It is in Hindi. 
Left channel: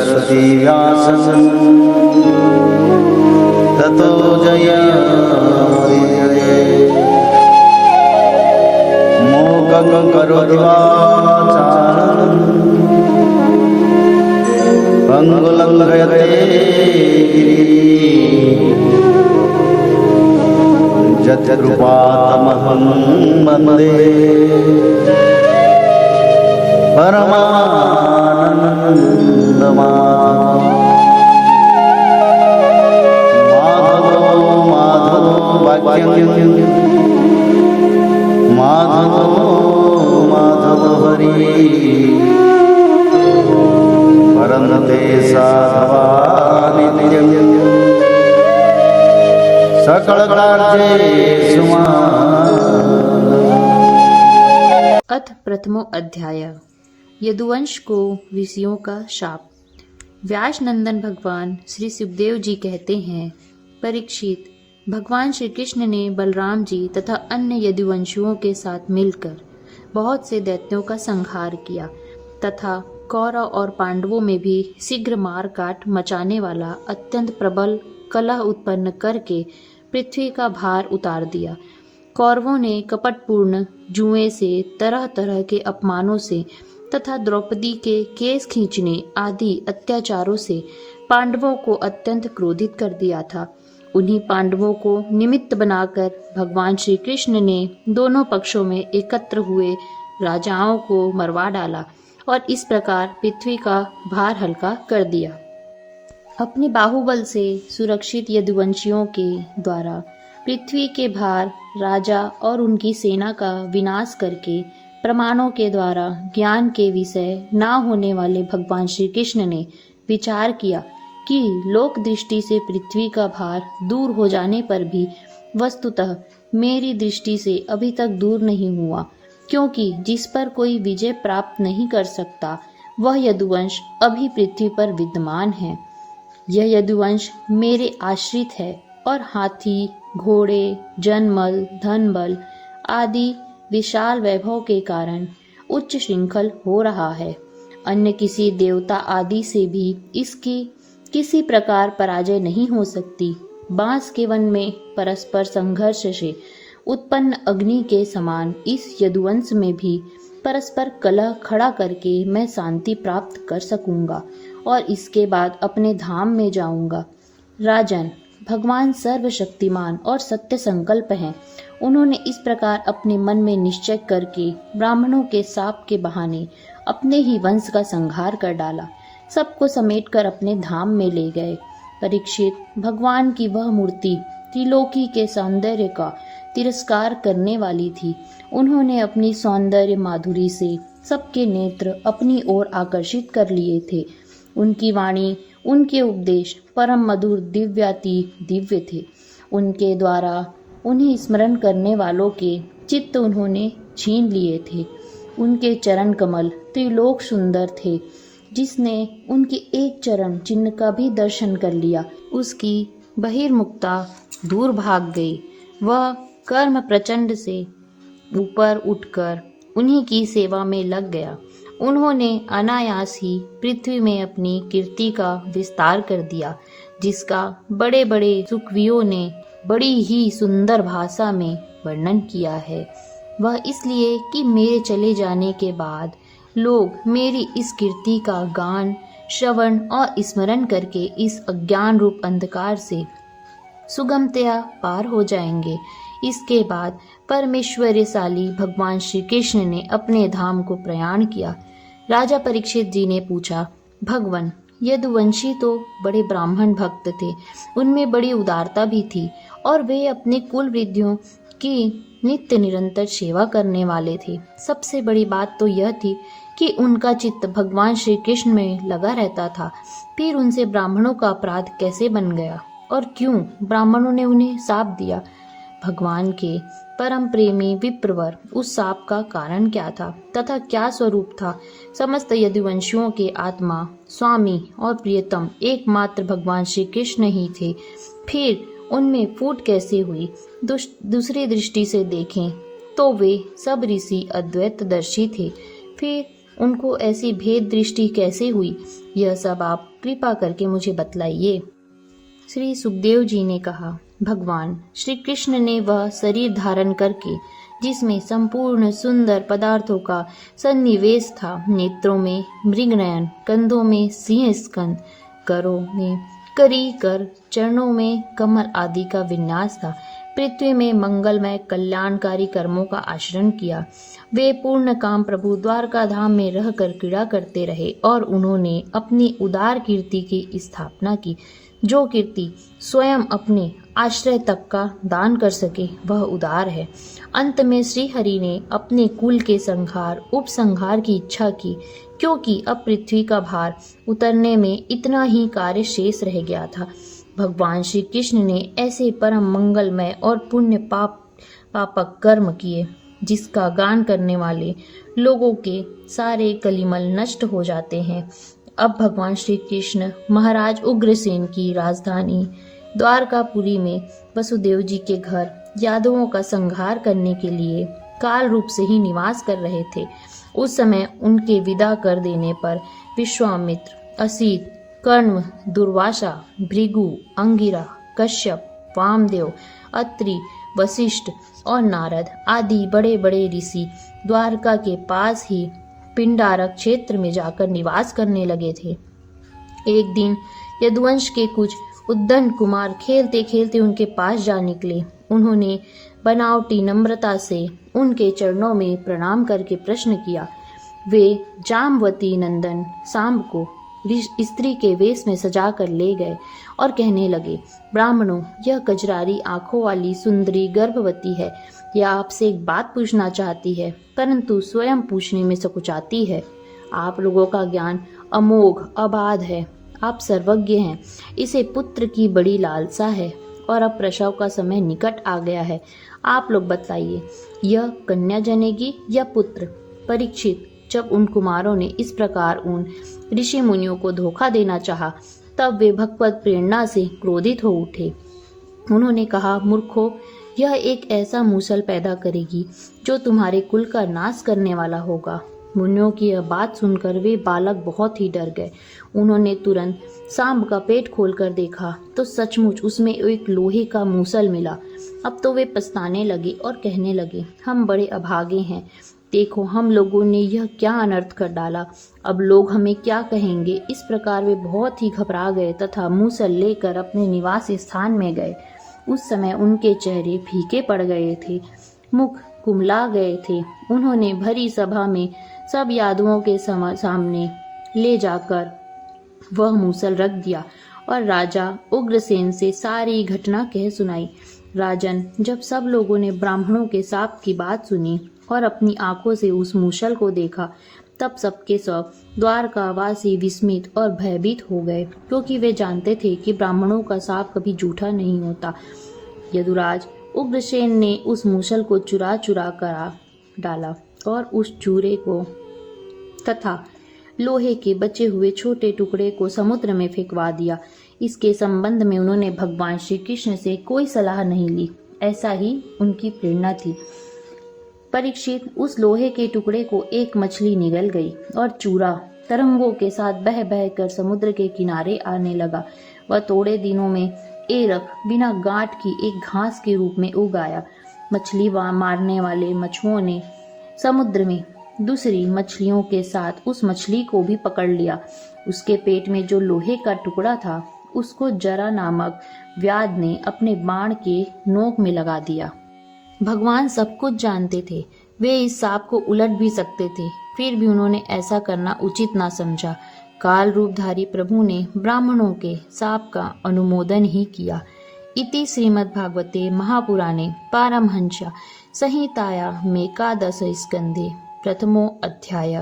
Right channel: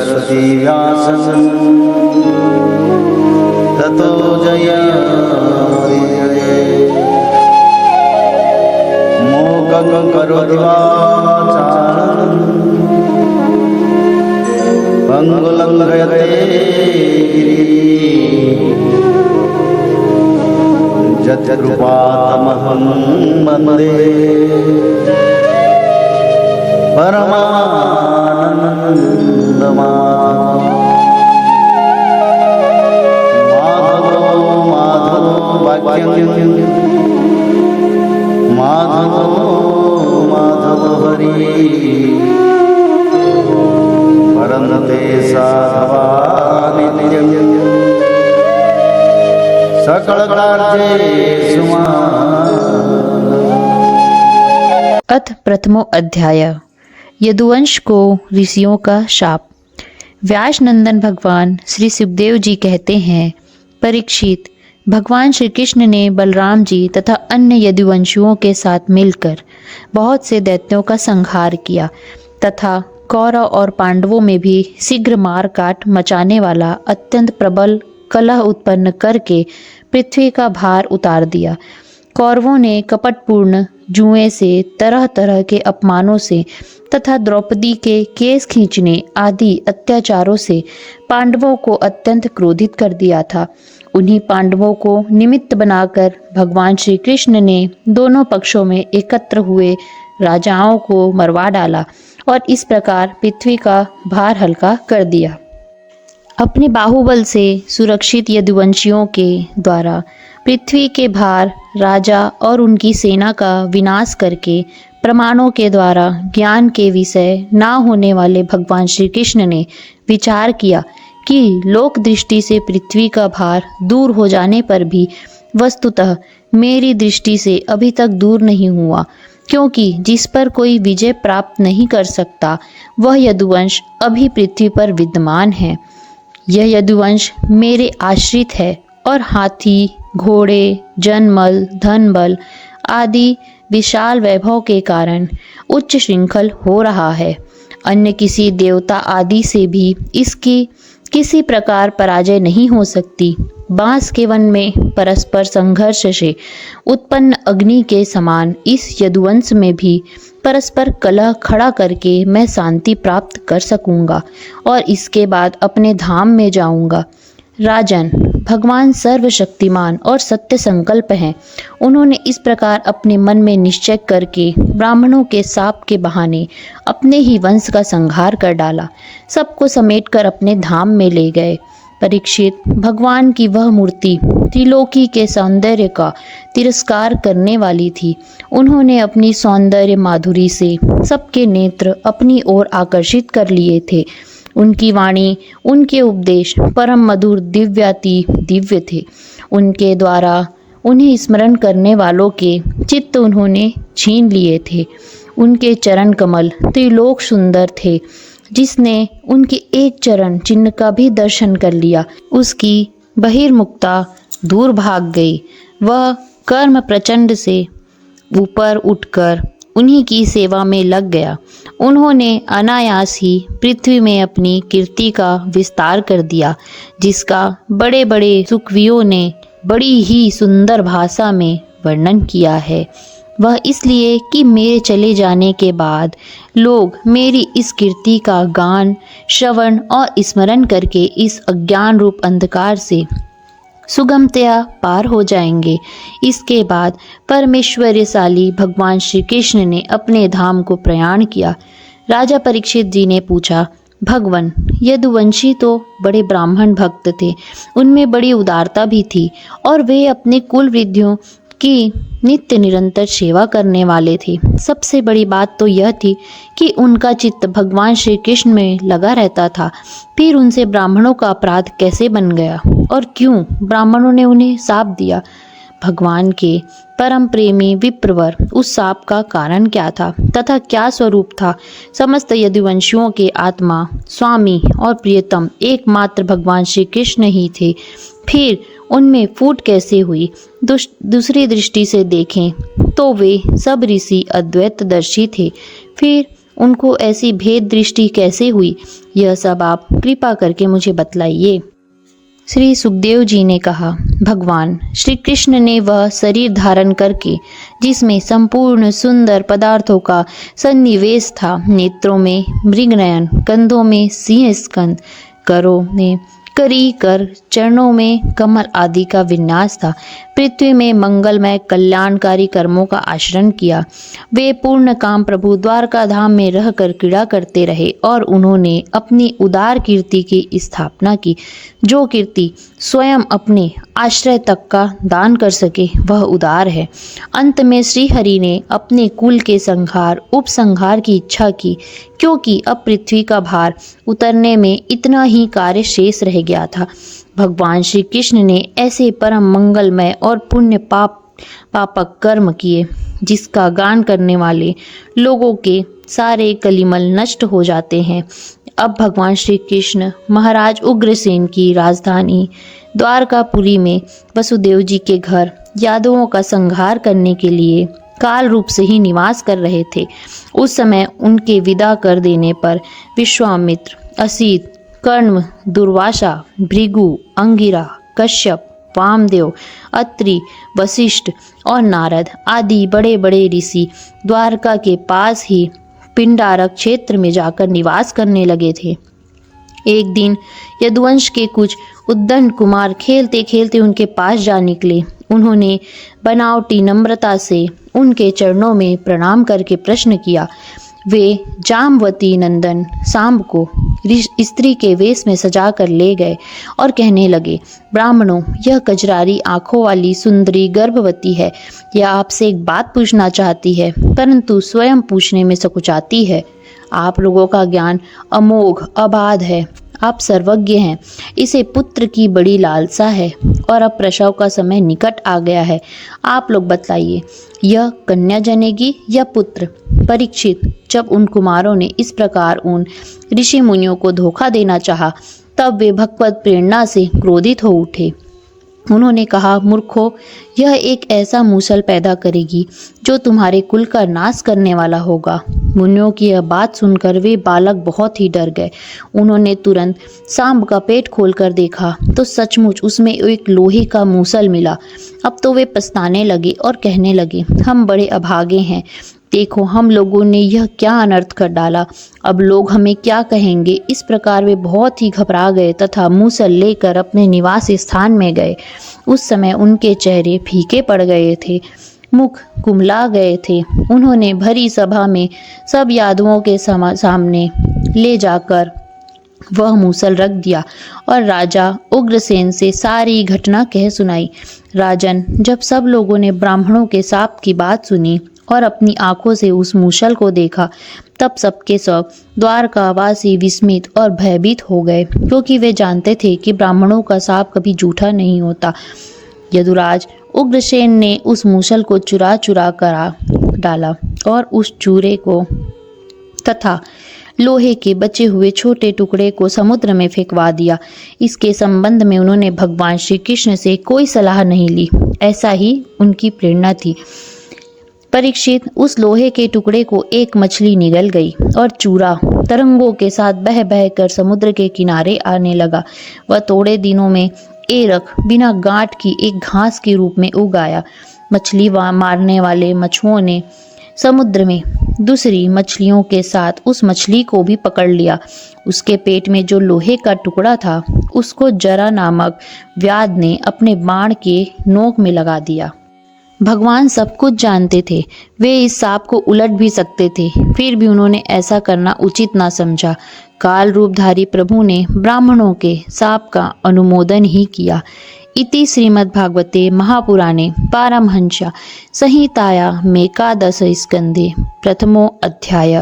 सरस्वती व्यासं ततो जयति मूकं करोति वाचालं पंगुलं लङ्घयते यत्कृपातमहं वन्दे माधव हरि परन्ते साधवानिधिं सकलकार्येषु अथ प्रथमो अध्याय यदुवंश को ऋषियों का शाप। व्यास नंदन भगवान श्री सुखदेव जी कहते हैं, परीक्षित, भगवान श्री कृष्ण ने बलराम जी तथा अन्य यदुवंशियों के साथ मिलकर बहुत से दैत्यों का संहार किया तथा कौरव और पांडवों में भी शीघ्र मार काट मचाने वाला अत्यंत प्रबल कलह उत्पन्न करके पृथ्वी का भार उतार दिया। कौरवों ने कपटपूर्ण जुए से, तरह तरह के अपमानों से तथा द्रौपदी के केस खींचने आदि अत्याचारों से पांडवों को अत्यंत क्रोधित कर दिया था। उन्हीं पांडवों को निमित्त बनाकर भगवान श्री कृष्ण ने दोनों पक्षों में एकत्र हुए राजाओं को मरवा डाला और इस प्रकार पृथ्वी का भार हल्का कर दिया। अपने बाहुबल से सुरक्षित यदुवंशियों के द्वारा पृथ्वी के भार, राजा और उनकी सेना का विनाश करके प्रमाणों के द्वारा ज्ञान के विषय ना होने वाले भगवान श्री कृष्ण ने विचार किया कि लोक दृष्टि से पृथ्वी का भार दूर हो जाने पर भी वस्तुतः मेरी दृष्टि से अभी तक दूर नहीं हुआ, क्योंकि जिस पर कोई विजय प्राप्त नहीं कर सकता वह यदुवंश अभी पृथ्वी पर विद्यमान है। यह यदुवंश मेरे आश्रित है और हाथी, घोड़े, जनमल, धन बल आदि विशाल वैभव के कारण उच्च श्रृंखल हो रहा है। अन्य किसी देवता आदि से भी इसकी किसी प्रकार पराजय नहीं हो सकती। बांस के वन में परस्पर संघर्ष से उत्पन्न अग्नि के समान इस यदुवंश में भी परस्पर कलह खड़ा करके मैं शांति प्राप्त कर सकूंगा और इसके बाद अपने धाम में जाऊंगा। राजन, भगवान सर्वशक्तिमान और सत्य संकल्प हैं। उन्होंने इस प्रकार अपने मन में निश्चय करके ब्राह्मणों के शाप के बहाने अपने ही वंश का संहार कर डाला। सबको समेटकर अपने धाम में ले गए। परीक्षित, भगवान की वह मूर्ति त्रिलोकी के सौंदर्य का तिरस्कार करने वाली थी। उन्होंने अपनी सौंदर्य माधुरी से सबके नेत्र अपनी ओर आकर्षित कर लिए थे। उनकी वाणी, उनके उपदेश परम मधुर दिव्याति दिव्य थे। उनके द्वारा उन्हें स्मरण करने वालों के चित्त उन्होंने छीन लिए थे। उनके चरण कमल त्रिलोक सुंदर थे। जिसने उनके एक चरण चिन्ह का भी दर्शन कर लिया, उसकी बहिर्मुखता दूर भाग गई। वह कर्म प्रचंड से ऊपर उठकर उन्हीं की सेवा में लग गया। उन्होंने अनायास ही पृथ्वी में अपनी कीर्ति का विस्तार कर दिया, जिसका बड़े बड़े सुकवियों ने बड़ी ही सुंदर भाषा में वर्णन किया है। वह इसलिए कि मेरे चले जाने के बाद लोग मेरी इस कीर्ति का गान, श्रवण और स्मरण करके इस अज्ञान रूप अंधकार से सुगमतया पार हो जाएंगे। इसके बाद परमेश्वरशाली भगवान श्री कृष्ण ने अपने धाम को प्रयाण किया। राजा परीक्षित जी ने पूछा, भगवान, यदुवंशी तो बड़े ब्राह्मण भक्त थे, उनमें बड़ी उदारता भी थी और वे अपने कुल वृद्धियों की नित्य निरंतर सेवा करने वाले थे। सबसे बड़ी बात तो यह थी कि उनका चित्त भगवान श्री कृष्ण में लगा रहता था। फिर उनसे ब्राह्मणों का अपराध कैसे बन गया और क्यों ब्राह्मणों ने उन्हें शाप दिया? भगवान के परम प्रेमी विप्रवर उस शाप का कारण क्या था तथा क्या स्वरूप था? समस्त यदुवंशियों के आत्मा, स्वामी और प्रियतम एकमात्र भगवान श्री कृष्ण ही थे। फिर उनमें फूट कैसे हुई? दूसरी दृष्टि से देखें तो वे सब ऋषि अद्वैतदर्शी थे। फिर उनको ऐसी भेद दृष्टि कैसे हुई, यह सब आप कृपा करके मुझे बतलाइए। श्री सुखदेव जी ने कहा, भगवान श्री कृष्ण ने वह शरीर धारण करके जिसमें संपूर्ण सुंदर पदार्थों का सन्निवेश था, नेत्रों में मृगनयन, कंधों में सिंह स्कंद, करों में करी कर, चरणों में कमल आदि का विन्यास था, पृथ्वी में मंगलमय कल्याणकारी कर्मों का आचरण किया। वे पूर्ण काम प्रभु द्वारका धाम में रहकर क्रीड़ा करते रहे और उन्होंने अपनी उदार कीर्ति की स्थापना की, जो कीर्ति स्वयं अपने आश्रय तक का दान कर सके वह उदार है। अंत में श्री हरि ने अपने कुल के संहार उपसंहार की इच्छा की, क्योंकि अब पृथ्वी का भार उतरने में इतना ही कार्य शेष रह गया था। भगवान श्री कृष्ण ने ऐसे परम मंगलमय और पुण्य पापक कर्म किए जिसका गान करने वाले लोगों के सारे कलिमल नष्ट हो जाते हैं। अब भगवान श्री कृष्ण महाराज उग्रसेन की राजधानी द्वारकापुरी में वसुदेव जी के घर यादवों का संहार करने के लिए काल रूप से ही निवास कर रहे थे। उस समय उनके विदा कर देने पर विश्वामित्र, असित, कर्ण, दुर्वासा, भृगु, अंगिरा, कश्यप, वामदेव, अत्रि, वशिष्ठ और नारद आदि बड़े बड़े ऋषि द्वारका के पास ही पिंडारक क्षेत्र में जाकर निवास करने लगे थे। एक दिन यदुवंश के कुछ उद्दंड कुमार खेलते खेलते उनके पास जा निकले। उन्होंने बनावटी नम्रता से उनके चरणों में प्रणाम करके प्रश्न किया। वे जामवती नंदन सांब को स्त्री के वेश में सजा कर ले गए और कहने लगे, ब्राह्मणों, यह कजरारी आंखों वाली सुंदरी गर्भवती है। यह आपसे एक बात पूछना चाहती है, परंतु स्वयं पूछने में सकुचाती है। आप लोगों का ज्ञान अमोघ अबाध है, आप सर्वज्ञ हैं। इसे पुत्र की बड़ी लालसा है और अब प्रसव का समय निकट आ गया है। आप लोग बतलाइए, यह कन्या जनेगी या पुत्र? परीक्षित, जब उन कुमारों ने इस प्रकार उन ऋषि मुनियों को धोखा देना चाहा, तब वे भगवत प्रेरणा से क्रोधित हो उठे। उन्होंने कहा, मूर्खों, यह एक ऐसा मूसल पैदा करेगी जो तुम्हारे कुल का नाश करने वाला होगा। मुनियों की यह बात सुनकर वे बालक बहुत ही डर गए। उन्होंने तुरंत सांब का पेट खोलकर देखा तो सचमुच उसमें एक लोहे का मूसल मिला। अब तो वे पछताने लगे और कहने लगे, हम बड़े अभागे हैं। देखो, हम लोगों ने यह क्या अनर्थ कर डाला, अब लोग हमें क्या कहेंगे। इस प्रकार वे बहुत ही घबरा गए तथा मूसल लेकर अपने निवास स्थान में गए। उस समय उनके चेहरे फीके पड़ गए थे, मुख कुमला गए थे। उन्होंने भरी सभा में सब यादवों के सामने ले जाकर वह मूसल रख दिया और राजा उग्रसेन से सारी घटना कह सुनाई। राजन, जब सब लोगों ने ब्राह्मणों के शाप की बात सुनी और अपनी आंखों से उस मूसल को देखा, तब सबके सब द्वारकावासी विस्मित और भयभीत हो गए, क्योंकि वे जानते थे कि ब्राह्मणों का शाप कभी झूठा नहीं होता। यदुराज उग्रसेन ने उस मूसल को चुरा चुरा कर डाला और उस चूरे को तथा लोहे के बचे हुए छोटे टुकड़े को समुद्र में फेंकवा दिया। इसके संबंध में उन्होंने भगवान श्री कृष्ण से कोई सलाह नहीं ली, ऐसा ही उनकी प्रेरणा थी। परीक्षित, उस लोहे के टुकड़े को एक मछली निगल गई और चूरा तरंगों के साथ बह बह कर समुद्र के किनारे आने लगा। वह थोड़े दिनों में एरख बिना गांठ की एक घास के रूप में उग आया। मछली मारने वाले मछुओं ने समुद्र में दूसरी मछलियों के साथ उस मछली को भी पकड़ लिया। उसके पेट में जो लोहे का टुकड़ा था, उसको जरा नामक व्याध ने अपने बाण के नोक में लगा दिया। भगवान सब कुछ जानते थे, वे इस सांप को उलट भी सकते थे, फिर भी उन्होंने ऐसा करना उचित ना समझा। काल रूपधारी प्रभु ने ब्राह्मणों के शाप का अनुमोदन ही किया। इति श्रीमद्भागवते महापुराणे पारमहंस संहितायां एकादश स्कंधे प्रथमो अध्याय।